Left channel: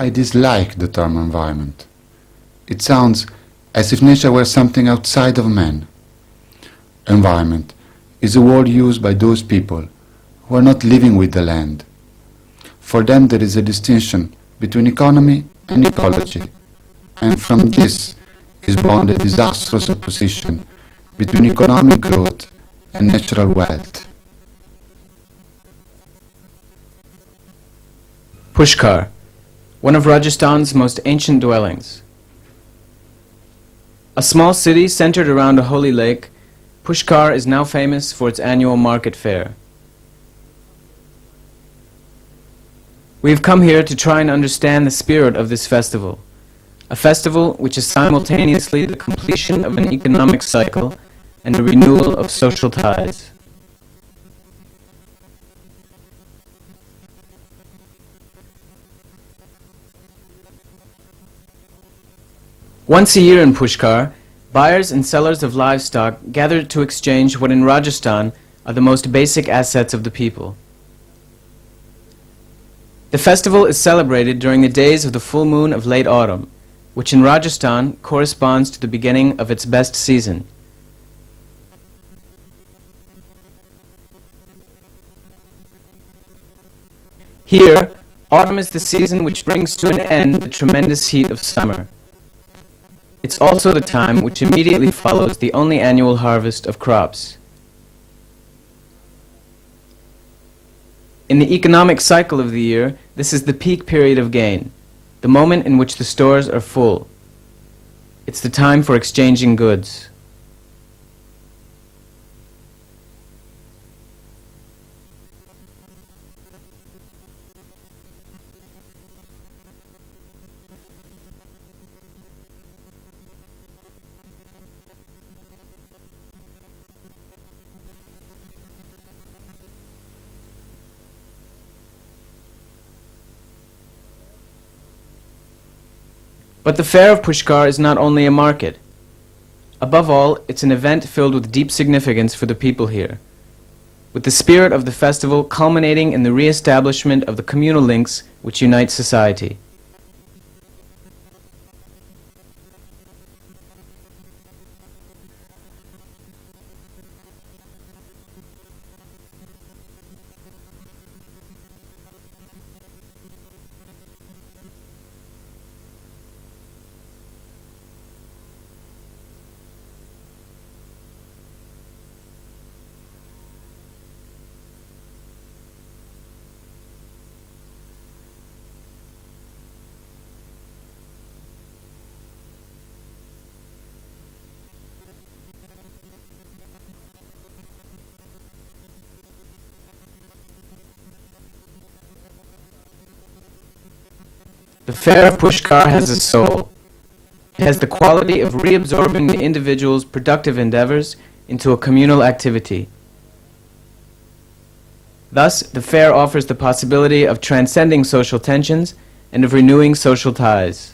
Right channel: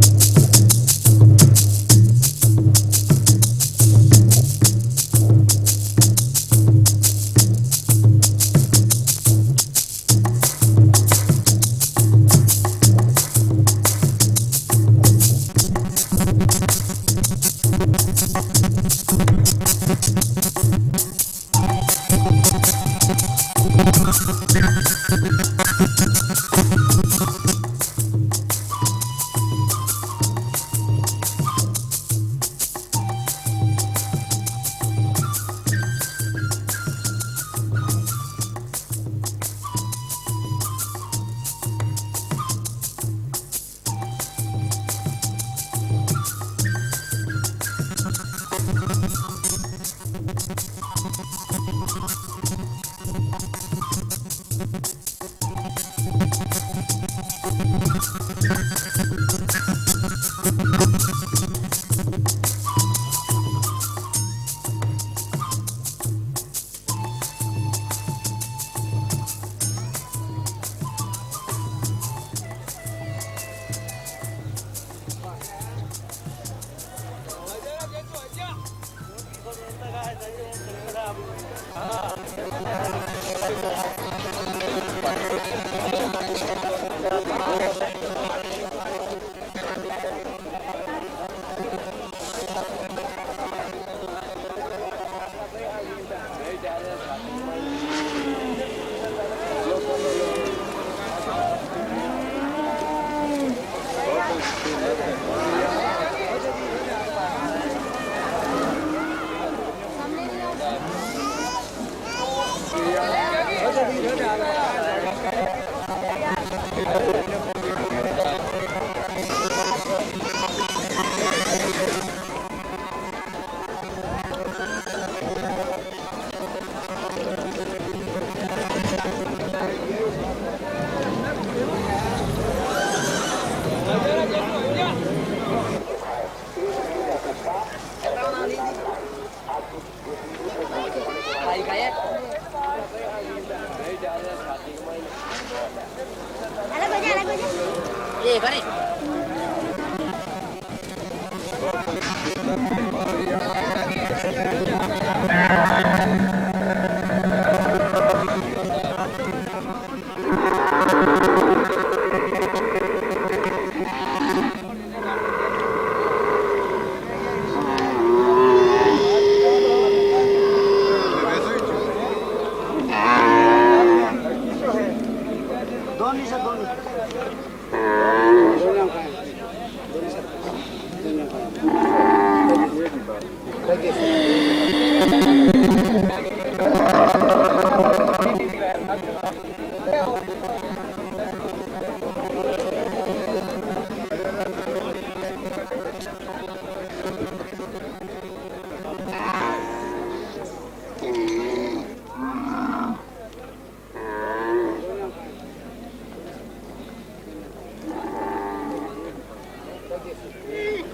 I dislike the term environment. It sounds as if nature were something outside of man. Environment is a word used by those people who are not living with the land. For them there is a distinction between economy and ecology, and from this is born the disastrous opposition between economic growth and natural wealth. Pushkar, one of Rajasthan's most ancient dwellings. A small city centered around a holy lake, Pushkar is now famous for its annual market fair. We've come here to try and understand the spirit of this festival, a festival which is simultaneously the completion of an economic cycle and the renewal of social ties. Once a year in Pushkar, buyers and sellers of livestock gather to exchange what in Rajasthan are the most basic assets of the people. The festival is celebrated during the days of the full moon of late autumn, which in Rajasthan corresponds to the beginning of its best season. Here, autumn is the season which brings to an end the tremendous heat of summer. It's also the time which immediately follows the only annual harvest of crops. In the economic cycle of the year, this is the peak period of gain, the moment in which the stores are full. It's the time for exchanging goods. But the fair of Pushkar is not only a market. Above all, it's an event filled with deep significance for the people here, with the spirit of the festival culminating in the re-establishment of the communal links which unite society. The fair of Pushkar has a soul. It has the quality of reabsorbing the individual's productive endeavors into a communal activity. Thus, the fair offers the possibility of transcending social tensions and of renewing social ties.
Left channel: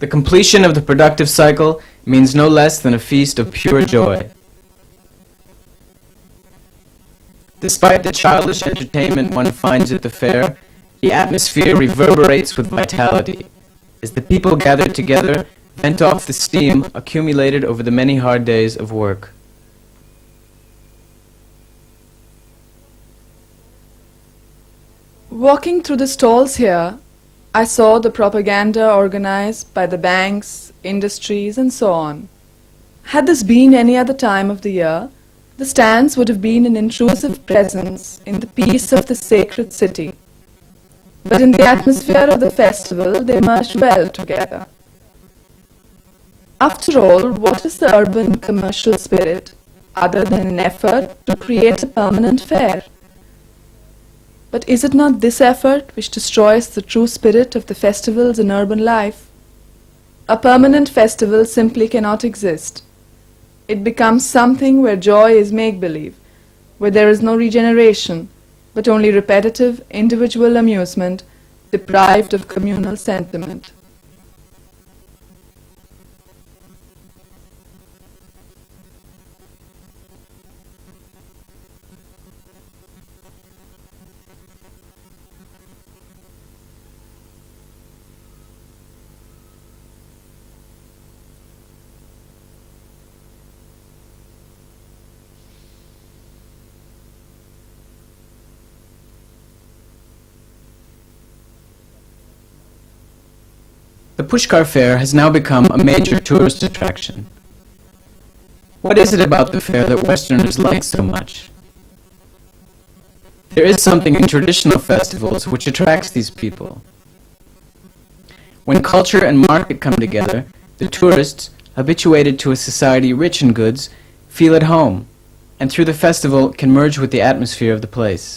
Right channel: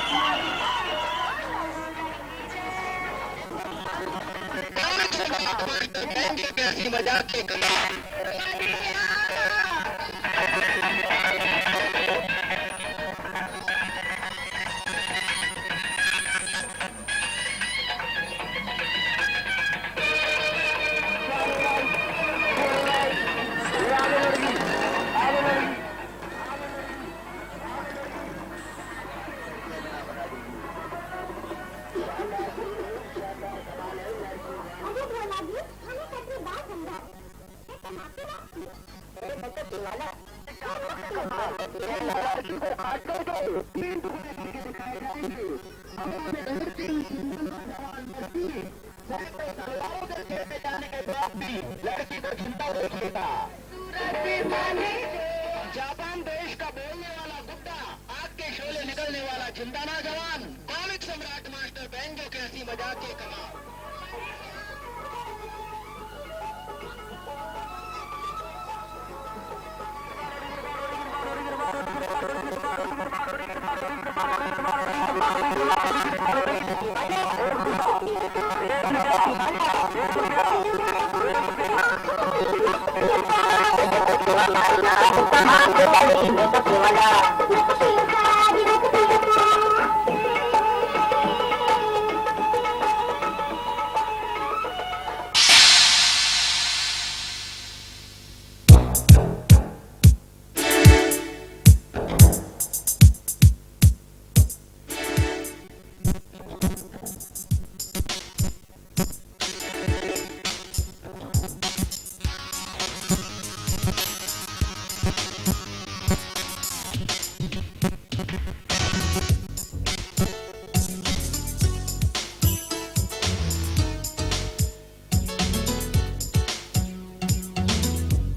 The completion of the productive cycle means no less than a feast of pure joy. Despite the childish entertainment one finds at the fair, the atmosphere reverberates with vitality. As the people gather together, vent off the steam accumulated over the many hard days of work. Walking through the stalls here, I saw the propaganda organized by the banks, industries, and so on. Had this been any other time of the year, the stands would have been an intrusive presence in the peace of the sacred city. But in the atmosphere of the festival, they merged well together. After all, what is the urban commercial spirit other than an effort to create a permanent fair? But is it not this effort which destroys the true spirit of the festivals in urban life? A permanent festival simply cannot exist. It becomes something where joy is make-believe, where there is no regeneration, but only repetitive individual amusement deprived of communal sentiment. The Pushkar Fair has now become a major tourist attraction. What is it about the fair that Westerners like so much? There is something in traditional festivals which attracts these people. When culture and market come together, the tourists, habituated to a society rich in goods, feel at home, and through the festival can merge with the atmosphere of the place.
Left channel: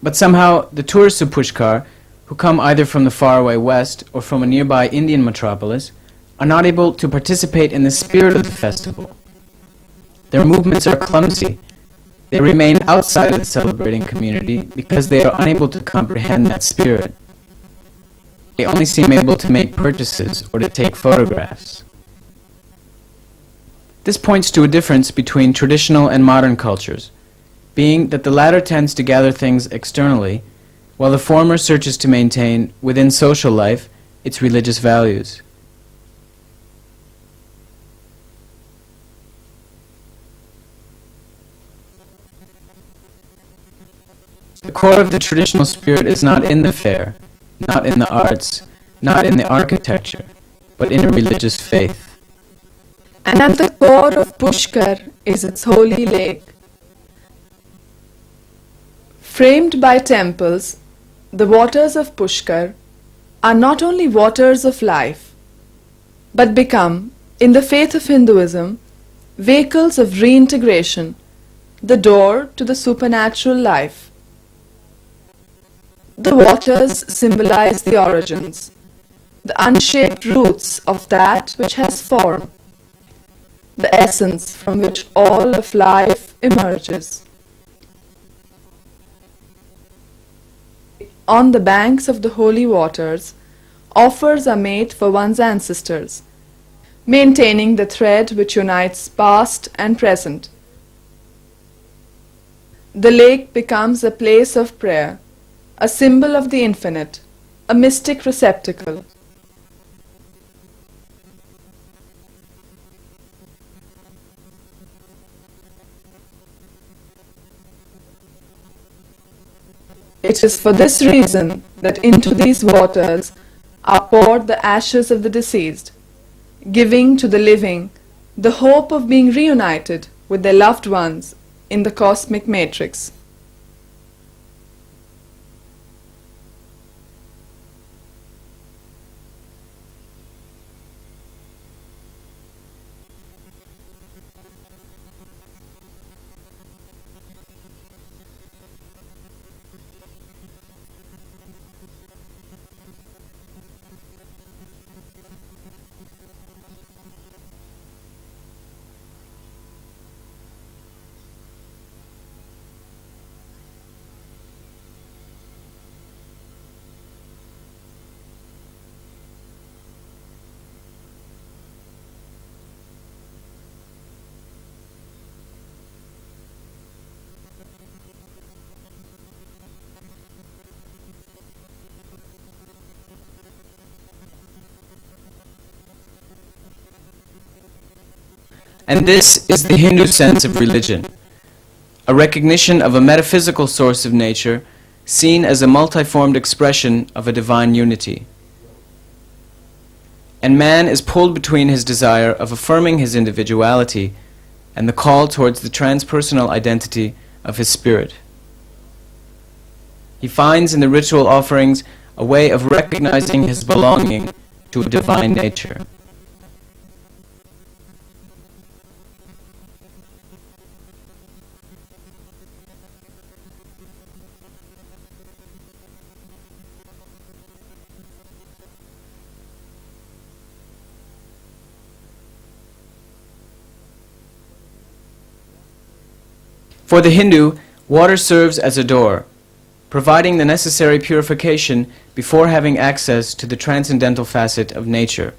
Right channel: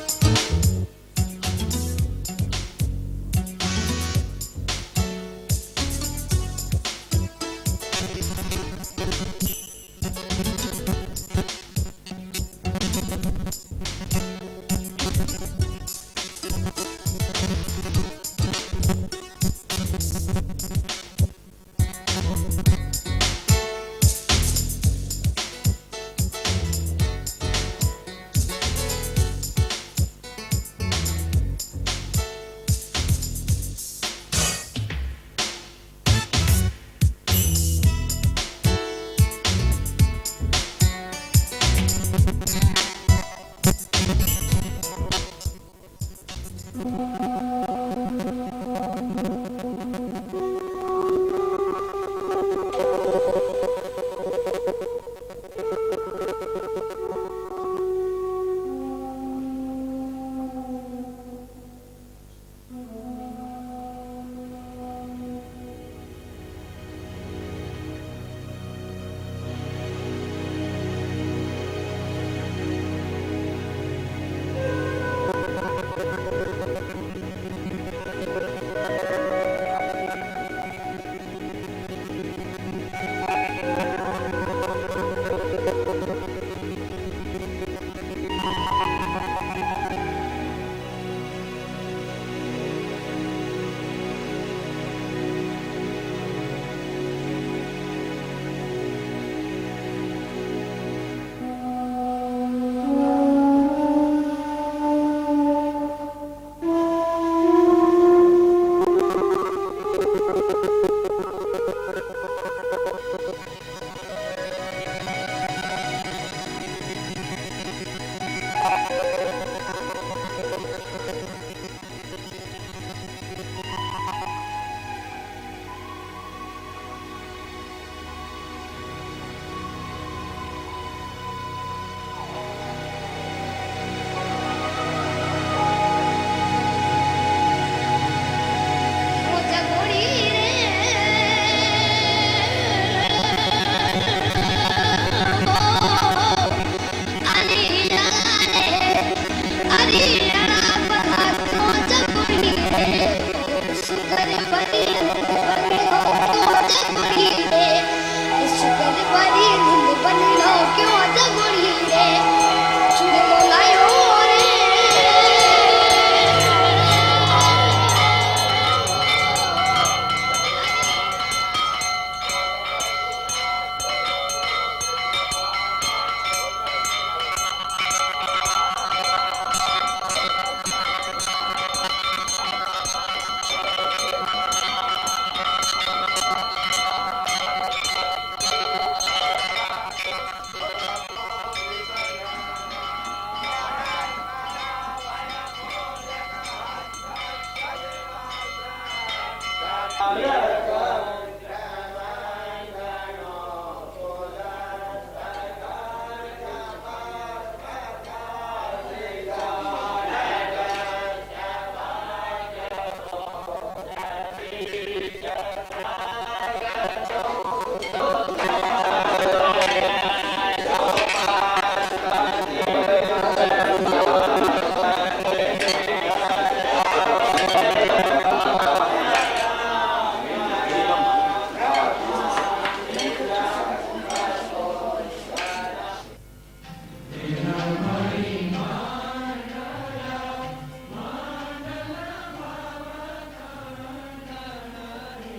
But somehow, the tourists of Pushkar, who come either from the faraway west or from a nearby Indian metropolis, are not able to participate in the spirit of the festival. Their movements are clumsy. They remain outside of the celebrating community because they are unable to comprehend that spirit. They only seem able to make purchases or to take photographs. This points to a difference between traditional and modern cultures, being that the latter tends to gather things externally, while the former searches to maintain, within social life, its religious values. The core of the traditional spirit is not in the fair, not in the arts, not in the architecture, but in a religious faith. And at the core of Pushkar is its holy lake. Framed by temples, the waters of Pushkar are not only waters of life, but become, in the faith of Hinduism, vehicles of reintegration, the door to the supernatural life. The waters symbolize the origins, the unshaped roots of that which has form, the essence from which all of life emerges. On the banks of the holy waters, offers are made for one's ancestors, maintaining the thread which unites past and present. The lake becomes a place of prayer, a symbol of the infinite, a mystic receptacle. It is for this reason that into these waters are poured the ashes of the deceased, giving to the living the hope of being reunited with their loved ones in the cosmic matrix. And this is the Hindu sense of religion, a recognition of a metaphysical source of nature seen as a multiformed expression of a divine unity. And man is pulled between his desire of affirming his individuality and the call towards the transpersonal identity of his spirit. He finds in the ritual offerings a way of recognizing his belonging to a divine nature. For the Hindu, water serves as a door, providing the necessary purification before having access to the transcendental facet of nature.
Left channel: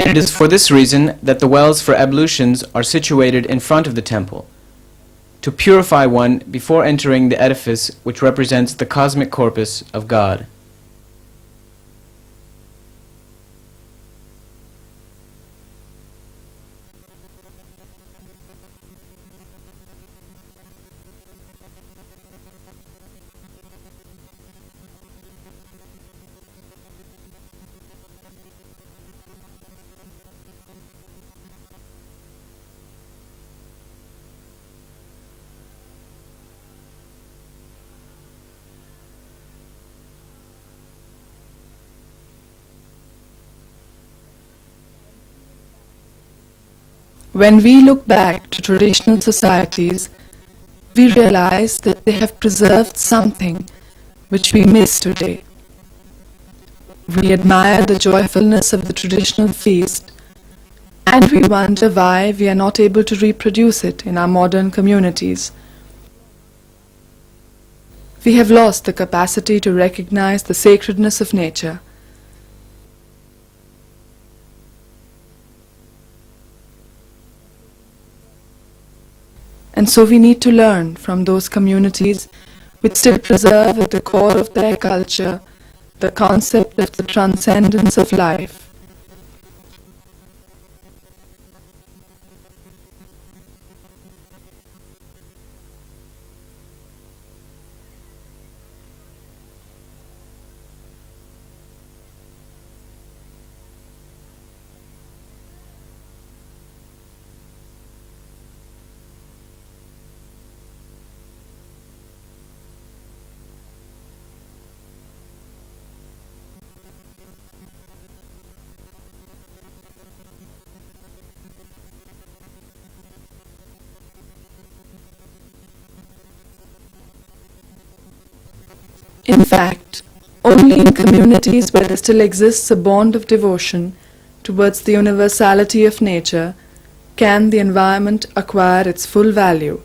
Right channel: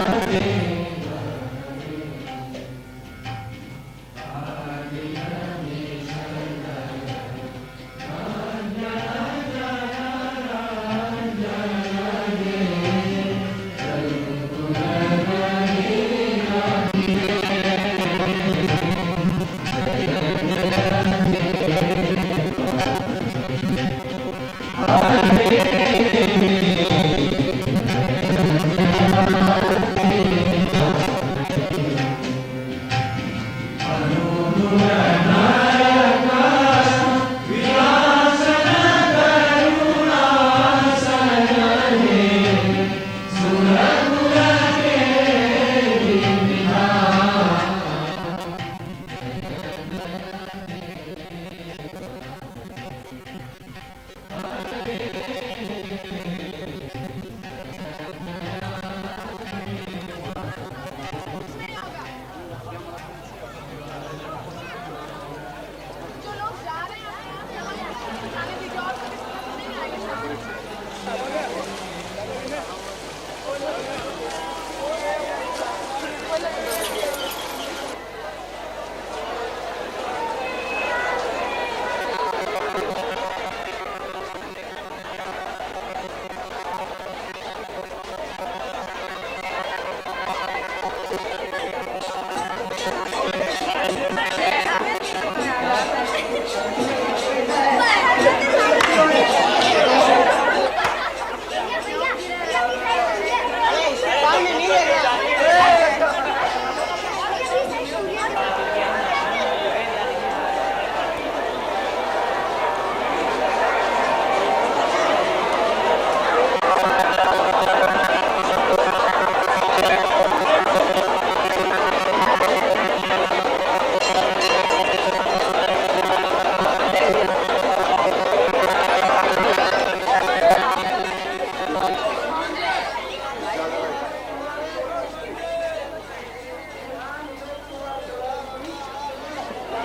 And it is for this reason that the wells for ablutions are situated in front of the temple, to purify one before entering the edifice which represents the cosmic corpus of God. When we look back to traditional societies, we realize that they have preserved something which we miss today. We admire the joyfulness of the traditional feast, and we wonder why we are not able to reproduce it in our modern communities. We have lost the capacity to recognize the sacredness of nature. And so we need to learn from those communities which still preserve at the core of their culture the concept of the transcendence of life. In fact, only in communities where there still exists a bond of devotion towards the universality of nature can the environment acquire its full value.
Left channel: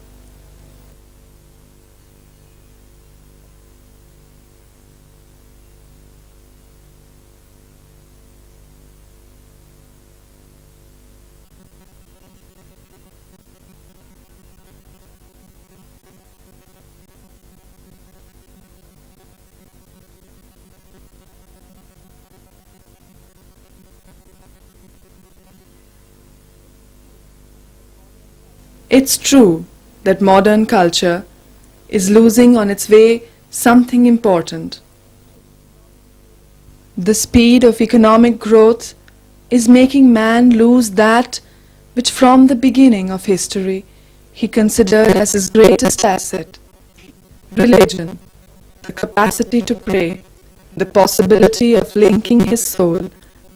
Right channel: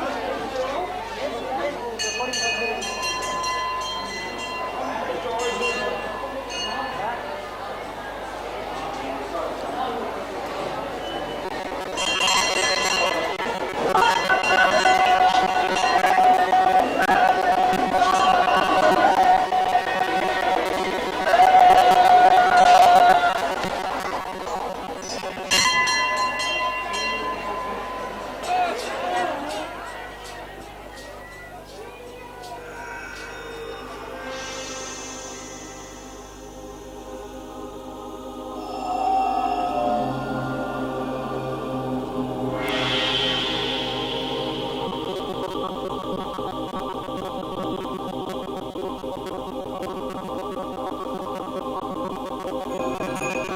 It's true that modern culture is losing on its way something important. The speed of economic growth is making man lose that which from the beginning of history he considered as his greatest asset: religion, the capacity to pray, the possibility of linking his soul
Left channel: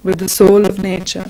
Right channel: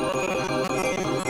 with the soul of nature.